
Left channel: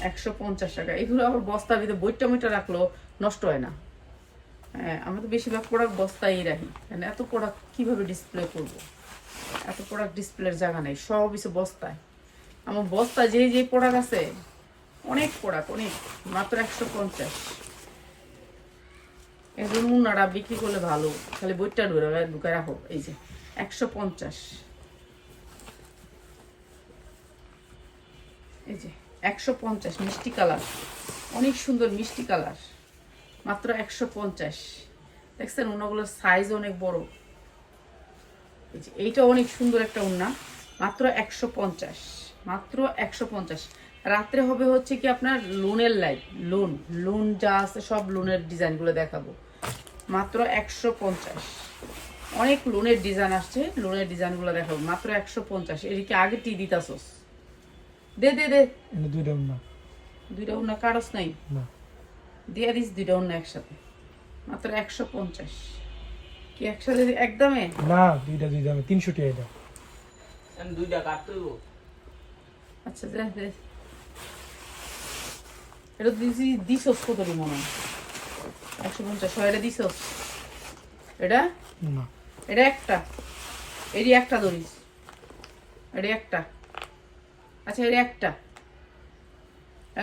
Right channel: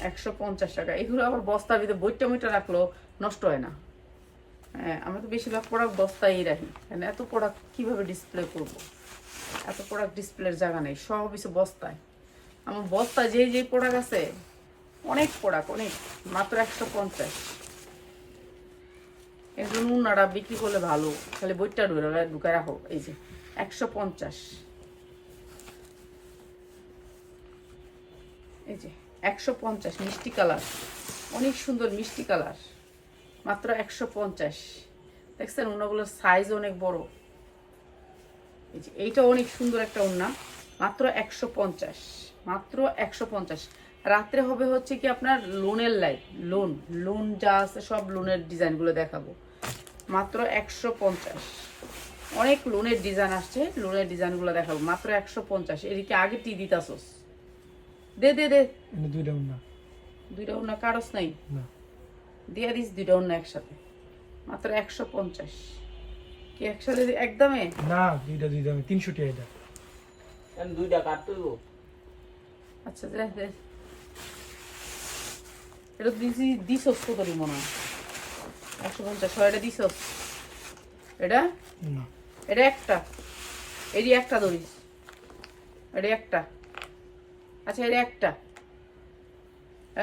একশো পঞ্চাশ টাকা। এগুলো আবার বস্তার ভিতরে বইটা বইটা রাখল, নষ্ট হয় না। হ্যাঁ আমি তো বেশিরভাগ প্রোডাক্ট বস্তায় রাখি। কেন? এত প্রোডাক্ট কীভাবে ডিসপ্লে করব? এত প্রোডাক্ট ডিসপ্লের জায়গা নেই, সব কিছু বস্তায়। আমার বস্তায় যে যে প্রোডাক্ট আছে, অনেক প্রোডাক্ট অনেক, মাত্র একশো পঞ্চাশ। জন্য উন্নাটা বিক্রি করলে ভালো। খালি বইটা ঢুকে ঢুকে রাখো। এই যে, একশো পঞ্চাশ। এই যে, একশো পঞ্চাশ, মিষ্টি কালার। অনেক সুন্দর মিষ্টি কালার। মাত্র একশো পঞ্চাশ। দেখছেন ওনাগুলোর সাইজ অনেক বড়। এই যে, এইটা অনেক সুন্দর একটা ওড়না মাত্র একশো পঞ্চাশ। মাত্র একশো পঞ্চাশ। রাত্রে হবে হচ্ছে কি আপনার লোনের লাইট লোন লোন যা আছে সব লোনের ডিজাইনগুলো দেখাবো। মাত্র একশো পঞ্চাশ। অনেক লোনের ডিজাইন আসছে লোনের ডিজাইনগুলো দেখাবো। মাত্র একশো পঞ্চাশ। এদিকে আগে টি দিতাছোস দে দে দে। দুইটা না। দুইটা ওনা কারস নাই। না। দিয়ে দিস দুইটা অন্য একসাথে। মাত্র একশো পঞ্চাশ। কি একসাথে একদমে না দুইটা দুইটা আমি তিনশো টাকা এটা দুইটা কাটতে দেবো আচ্ছা দে দে। এটা দিছি দিছস কত মনে হয়? একশো পঞ্চাশ এটা দিছস এটা? এটা একটা। এটি একটা ধরিস এটি একটা। আচ্ছা এটা একটা।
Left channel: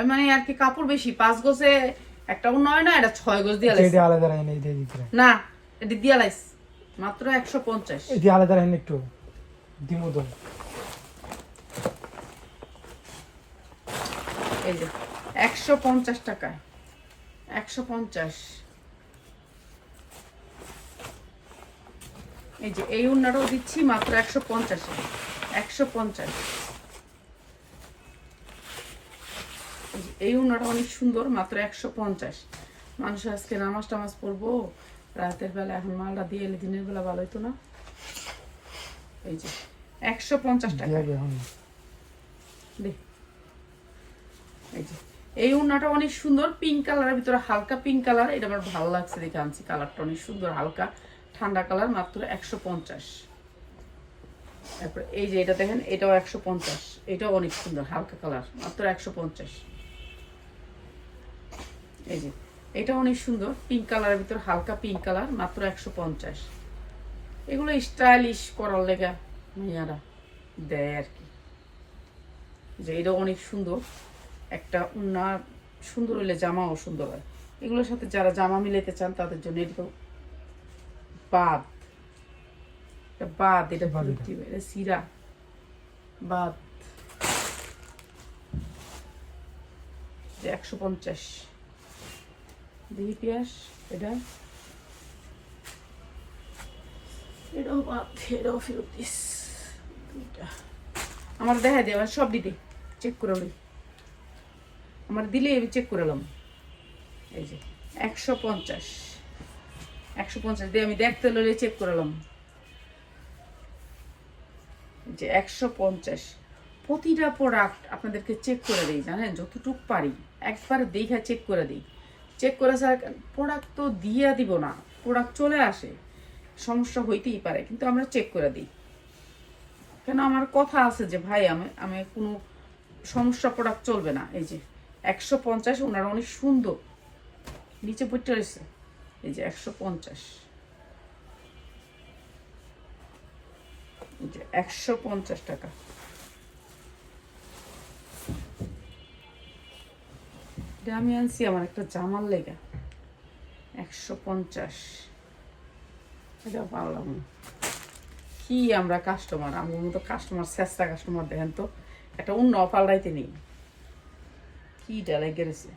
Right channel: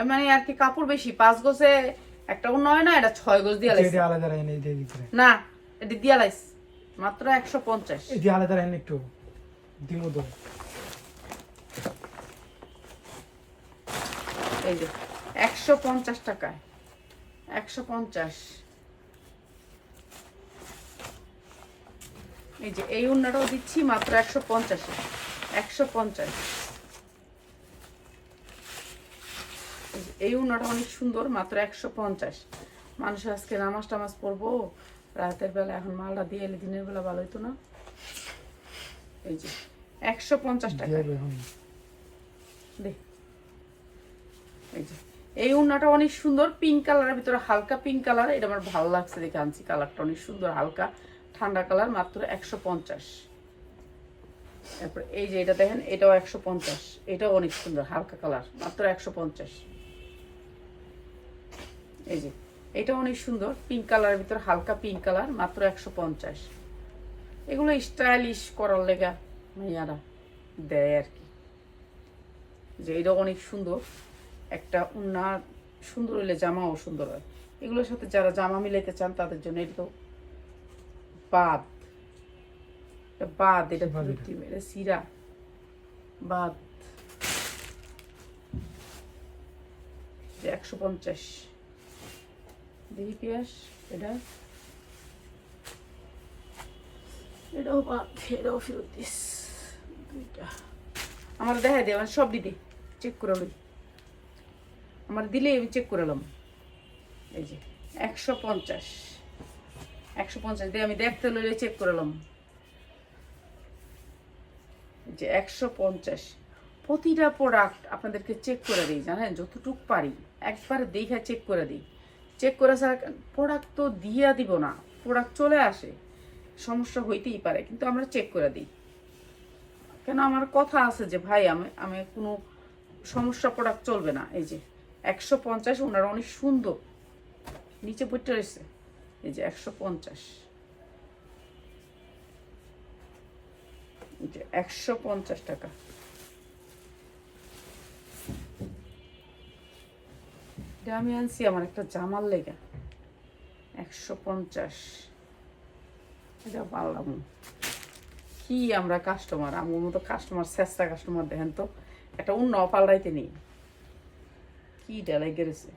মানে আর কি কাপড় বেশি পাঁচ গোছে একটা নয় না এটা ছয় গোছ দিয়ে না এটি দিয়া লাইস মাত্র একশো পঞ্চাশ। এই আলাদা রাখেন একটু। দিমো তো। এই যে একশো পঞ্চাশ টাকায়। একশো পঞ্চাশ। এই যে এই উন্নাটাও দিচ্ছি মাত্র একশো পঞ্চাশ। একশো পঞ্চাশ। এই উন্নাটা অনেক সুন্দর মাত্র একশো পঞ্চাশ। মানুষ আজকে নামাজ টামাজ পড়ব রাতের বেলা এখন মালটা দিয়ে এলে দিনের বেলা ভালো হইতো না। এই যে একশো পঞ্চাশ টাকা। এই যে এই উন্নাটা অনেক সুন্দর পিঙ্ক কালারের ভিতরে হালকা পিঙ্ক কালার এটা আমার ভালো লাগছে দেখে আনছি কালারটা অনেক সুন্দর হালকা। ঠান্ডা কালার মাত্র একশো পঞ্চাশ। তারপর এই যে এটা দেখেন, এটাও একশো পঞ্চাশ। এটাও অনেক সুন্দর, হালকা কালার, মাত্র একশো পঞ্চাশ। এই যে, এটা অনেক সুন্দর পিঙ্ক কালারের ভিতরে হালকা পিঙ্ক কালার মাত্র একশো পঞ্চাশ। এগুলো স্টাইলিশ করার লেগা মেয়ারা দেয় আর কি। যে এটা অনেক সুন্দর, একটা উন্না সুন্দর হইলে জামাও সুন্দর হয়। এগুলোর সাথে যারা জামা মিলাইতে চান, তাদের জন্য এটা বাদ। এটা বাদ এটা বাদ এটা। সিরা। বাদ। একশো পঞ্চাশ। দেখি পিয়াস এটা? এটাও বাদ এটাও ফেরত দিস। দুইটা। আমার দেখা দে আমার সব দিদি চেক করে লই আমার দিলে আমি চেক করে এলাম। এই যে একশো পঞ্চাশ। একশো পঞ্চাশ দিয়ে আমি দেখতে লইলে চেক করে এলাম এই যে একশো পঞ্চাশ। প্রতিটা প্রোডাক্ট আপনাদেরকে চেক করে দিই, জানেন? যতটুক পারি, একবার দেখা চেক করে দিই। চেক করে প্রোডাক্ট তো দিয়া দিব না প্রোডাক্ট চলে আসে। সমস্যা হইতেই পারে, কিন্তু আমরা চেক করে দিই। কেন আমার কথা আছে যে, ভাই, আমি আমি কোনো সমস্যা প্রোডাক্ট চলবে না। এই যে একশো পঞ্চাশ, ওনারা অনেক সুন্দর। নিচে পড়তে রয়েছে এই যে একশো পঞ্চাশ। একশো পঞ্চাশ টাকা। এটা আমি আনছি, আমার একটা জামার লেগা। একশো পঞ্চাশ। এটা পারলাম। কি আমরা কাস্টমার আমার মতো কাস্টমার চেষ্টা কাস্টমার দেখেন তো। একটা অন্য পাল্টাইতে নেই। কি ডালাই গেছে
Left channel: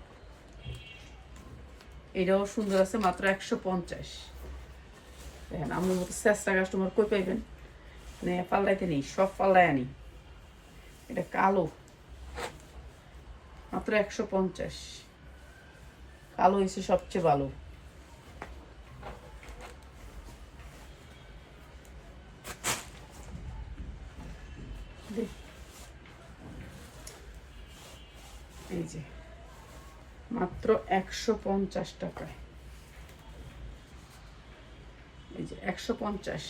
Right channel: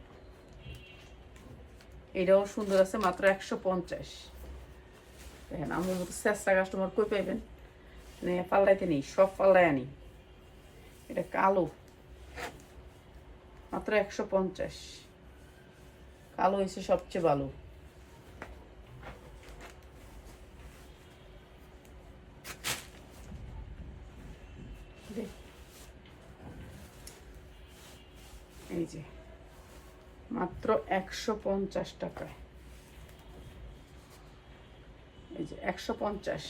এটাও সুন্দর আছে, মাত্র একশো পঞ্চাশ। দেখেন আমার মতো চেষ্টা কাস্টমার কই পাইবেন? পাল্লাইতে নেই, সব পাল্লায় আনি। এটা কালো। মাত্র একশো পঞ্চাশ। কালো হয়েছে সবচেয়ে ভালো দেখ। এই যে মাত্র একশো পঞ্চাশ টাকায় এই যে একশো পঞ্চাশ।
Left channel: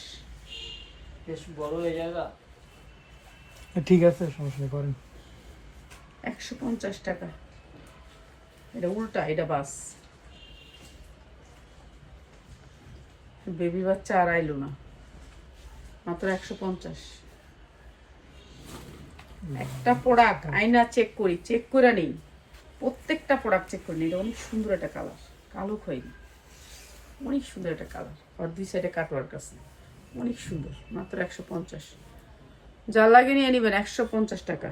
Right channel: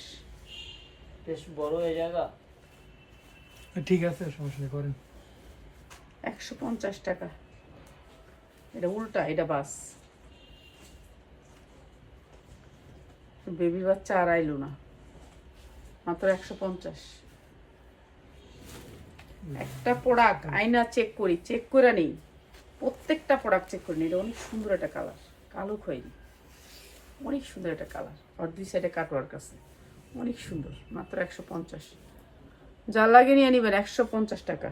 ঠিক আছে সমস্যা করেন। একশো পঞ্চাশ টাকা। এটা উল্টা এটা বাস। বেবি বাচ্চা আর আইলো না। মাত্র একশো পঞ্চাশ। একটা প্রোডাক্ট আয়না চেক করি চেক করে নেই। প্রত্যেকটা প্রোডাক্ট চেক করে নিই এটা অনেক সুন্দর একটা কালার কালো খয়েরি। অনেক সুন্দর একটা কালার আর দুই সাইডে কাটওয়ার্ক আছে। অনেক সুন্দর। মাত্র একশো পঞ্চাশ। যা লাগে নিয়ে নেবেন, একশো পঞ্চাশ টাকা।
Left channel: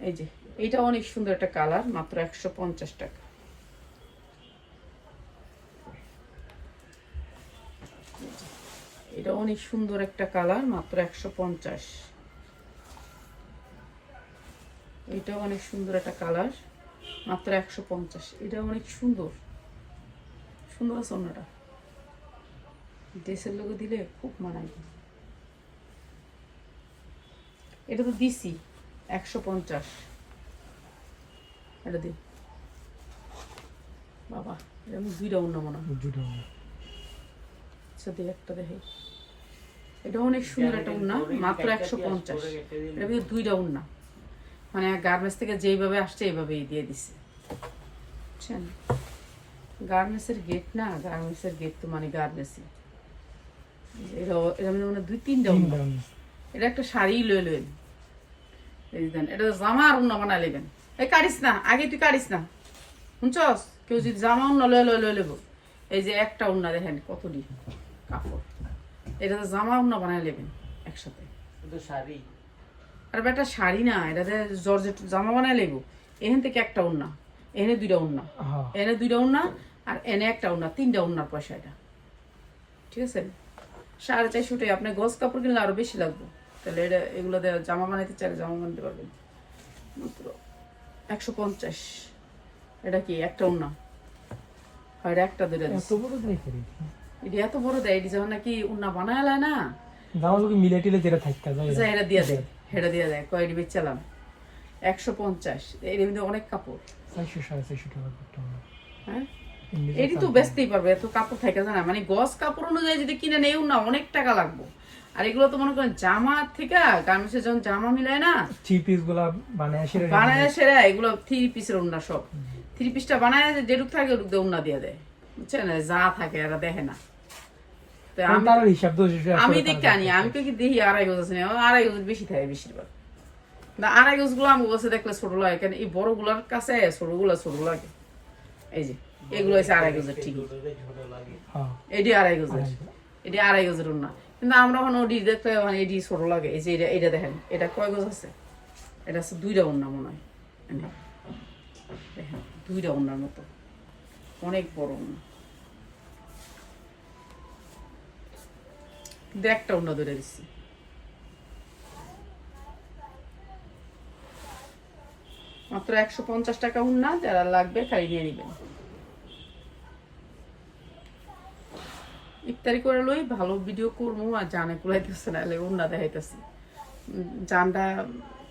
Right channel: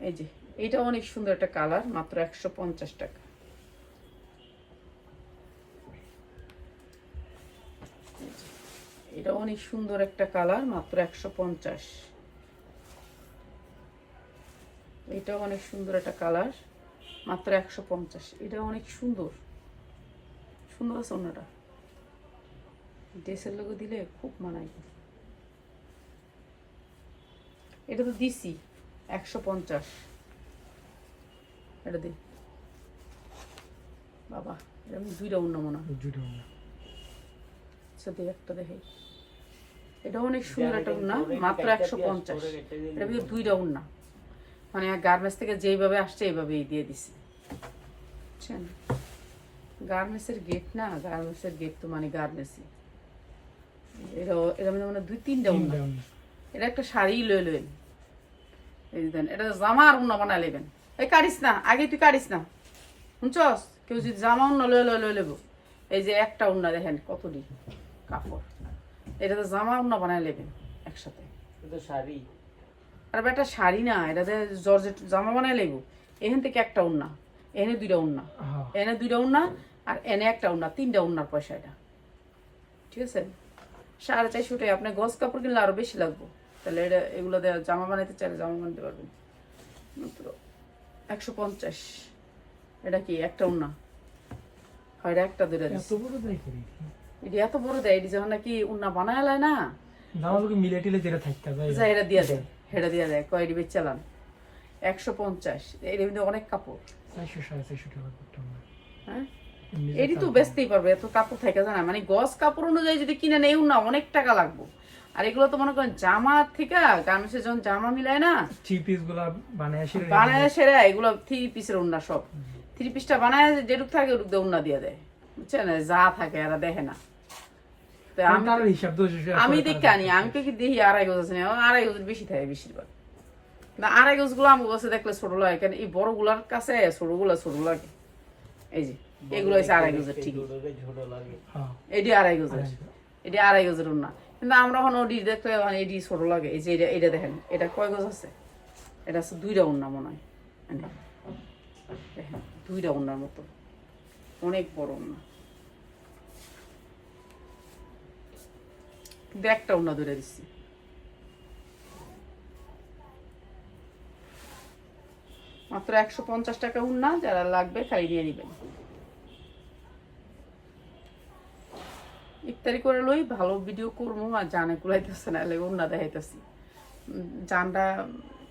এই যে, এইটা অনেক সুন্দর একটা কালার মাত্র একশো পঞ্চাশ টাকা। এটা অনেক সুন্দর একটা কালার মাত্র একশো পঞ্চাশ। এটা অনেক সুন্দর একটা কালার মাত্র একশো পঞ্চাশ। এটা অনেক সুন্দর। সুন্দর আছে অন্যটা। ড্রেসের লোকে দিলে খুব মানায়। এটা তো দিছি একশো পঞ্চাশ। এটা দি বাবা এটা আমি দুইটা অন্য মনে হয়। হবে। সাথে একটা দেখে। এটা অনেক সুন্দর একটা উন্না মাত্র একশো পঞ্চাশ। এটা দুইটা উন্না। মানে গার্মেন্টস থেকে যেইভাবে আসছে এইভাবেই দিয়ে দিছে। বুঝছেন গার্মেন্টসের গেট না গার্মেন্টসের গেট তো মানে গার্মেন্টসই এটা এটা মানে দুই তিনটা তিন উন্না এটা একটা শাড়ি লয়ে লইন এই দেন এটা জামা আর উন্না বানাই লেবেন এই কাটিস না আগে তুই কাটিস না। শুনছস? কেউ যদি জামা উন্না লয়ে লয়ে লয়ে লেবো এই যে একটা উন্না দেখেন কতটি কাপড়। এটা তো জামা উন্না বানায় নেবেন একসাথে। শাড়ি। আর একটা শাড়ি না এটাতে জর্জেট জামা বানায় লেগো এখান থেকে একটা উন্না এনে দুইটা উন্না এনে দুইটা উন্না আর এনে একটা উন্না তিনটা উন্নার পয়সা এটা। ঠিক আছে? সাড়ে চারশো টাকা আপনি গজ কাপড় কিনলে আরও বেশি লাগবে। তাহলে এটা এগুলো জামা বানাইতে চাইলে জামা বানাতে পারবেন। মাত্র একশো পঞ্চাশ। এটা কি একটা উন্না? এটা একটা দুইটা এত বড় দেয় এটা এত বড় দেয় এটি যখন নাকি উন্না বানায় না মিলে টিলে যেটা থাকতে হবে এটা দিয়ে দেয়। হেটা দিয়ে দেয় কয়েকটি বেচালাম একশো পঞ্চাশ এর মধ্যে অনেক কাপড়। চারশো সাড়ে চারশো টাকা হ্যাঁ? এটি তো বেচতেই পারবে এত কাপড় থাকে মানে কাপড় অনুযায়ী যদি কিনে নেও না অনেক টাকা লাগবে। আর এগুলো তো মনে করেন জামা থেকে গার্মেন্টসে যখন জামা মিলায় না থ্রি পিসগুলা বানায় সেরে বানায় সেরা এগুলো থ্রি পিসের উন্না সব। থ্রি পিসটা বানায় যেটুক থাকে ওটুক দিয়ে উন্না দিয়ে দেয়। বুঝছেন? যা থাকে এরা দেখে না। আমি হিসাব আমি করে আনি আমি তো কি দেখি আড়াই গজ আছে? আড়াই গজের বেশি থাকে বেশিরভাগ। না আড়াই গজগুলো আমার কাছে দেখলে ছোট লাগে কেন এই বড়গুলার কাছে ছোটগুলা ছোট লাগে। এই যে এগুলো হচ্ছে আড়াই গজের ঠিকই। হ্যাঁ। এটি আড়াই গজের। এটি আড়াই গজের না কিন্তু আমরা এখন ওডি দেখতে মানে এটি ছোট লাগে। এই যে এটা এটা দেখেন এটা কয় গজ আছে? এটা হচ্ছে দুইটা উন্না মনে হয়। দেখেন দুইটা উন্নার মতো। অনেক বড় উন্না কিন্তু একটা উন্না ধরে দিচ্ছি মাত্র একশো পঞ্চাশ টাকা উন্না, যারা লাগবে খালি নিয়ে নেবেন। ইফতারি করে লই ভালো ভিডিও করব আর জানে কুলাইতেছে না, এলে উন্না দেখাইতেছি। জানটা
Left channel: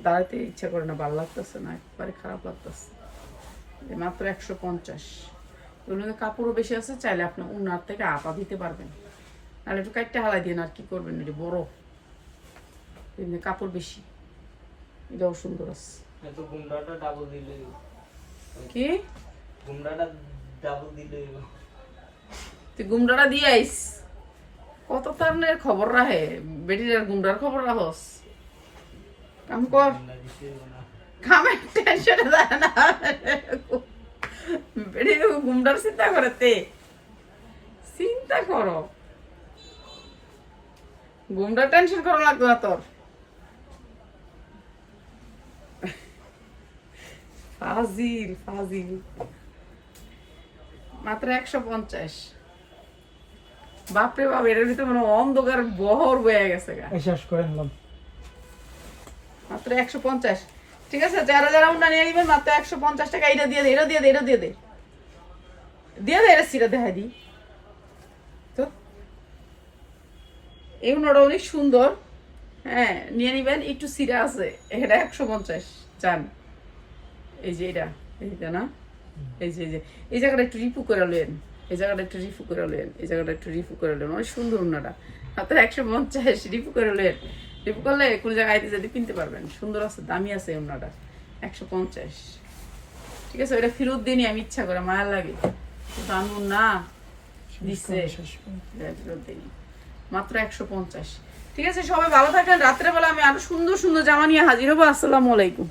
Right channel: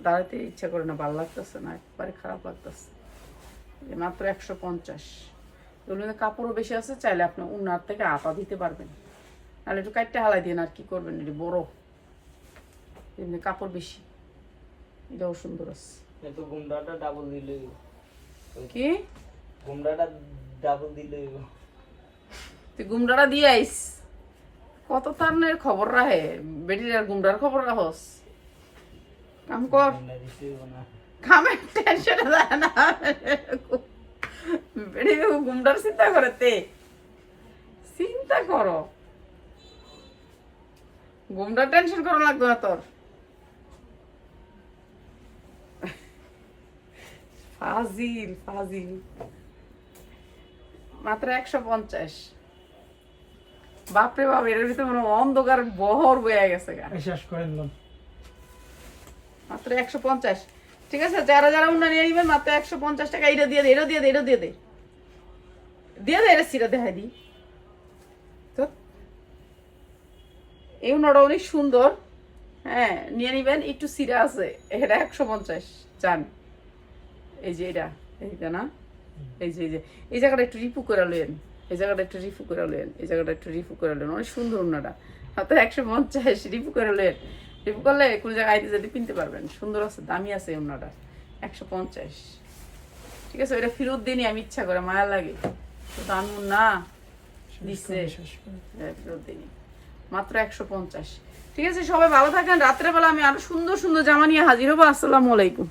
দাঁড়াতে ইচ্ছা করে না, ভালো লাগতেছে না, একবারে খারাপ লাগতেছে। মাত্র একশো পঞ্চাশ। কাপড়ও বেশি আছে, চাইলে আপনি উন্নার থেকে আপা দিতে পারবেন। নাহলে একটু কাটতে হালাই দিন আর কি করবেন? এটি বড়। এমনি কাপড় বেশি। এটাও সুন্দর আছে। কি? তুই গুমরাটা দিয়ে আইস। কত তার খবর রাহে? গুমরার খবর রাহস কাম কর। কামের টেনশনে যায় না। বেটি গুমরার চিন্তা করে তে। চিন্তা করো। গুমরার টেনশন করা লাগতো না তোর। ফাজিল ফাজিল। মাত্র একশো পঞ্চাশ। বাপরে বাপ এটার ভিতরে মানে অন্ধকার বহর বয়ে গেছে গা। শেষ করে নিলাম মাত্র একশো পঞ্চাশ। ঠিক আছে যারা যারা উন্না নিয়ে নিবেন মাত্র একশো পঞ্চাশ টাকা এটা দিয়ে দে এটা দিয়ে দে এটা দিয়ে দে। দিয়ে দে এটা সিরা দেখাই দি। এই উন্নাটা অনেক সুন্দর। হ্যাঁ নিয়ে নিবেন একটু সিরা আছে। এটা একশো পঞ্চাশ চান। এই যে এটা এইটা না? এই যে এই যে। এই জায়গাটা একটু রিপু করে লেন এই জায়গাটা একটু রিপু করে লেন এই জায়গাটা একটু রিপু করে লেন অনেক সুন্দর উন্নাটা মাত্র একশো পঞ্চাশ রিপু করে লেন রিপু করলে কোনো জায়গায় আইতে যেতে কিনতে পারবেন। সুন্দর আছে দামি আছে এই উন্নাটা একশো পঞ্চাশ। ঠিক আছে এটা ফেরত দিনই আমি ইচ্ছা করে মায়া লাগে। আনব না দিচ্ছে। হ্যাঁ, ফেরত দিইনি। মাত্র একশো পঞ্চাশ। ঠিক আছে, সবাই ভালো থাকেন। রাত্রেবেলা আমি আরও সুন্দর সুন্দর জামা নিয়ে হাজির হব। আসসালামু আলাইকুম।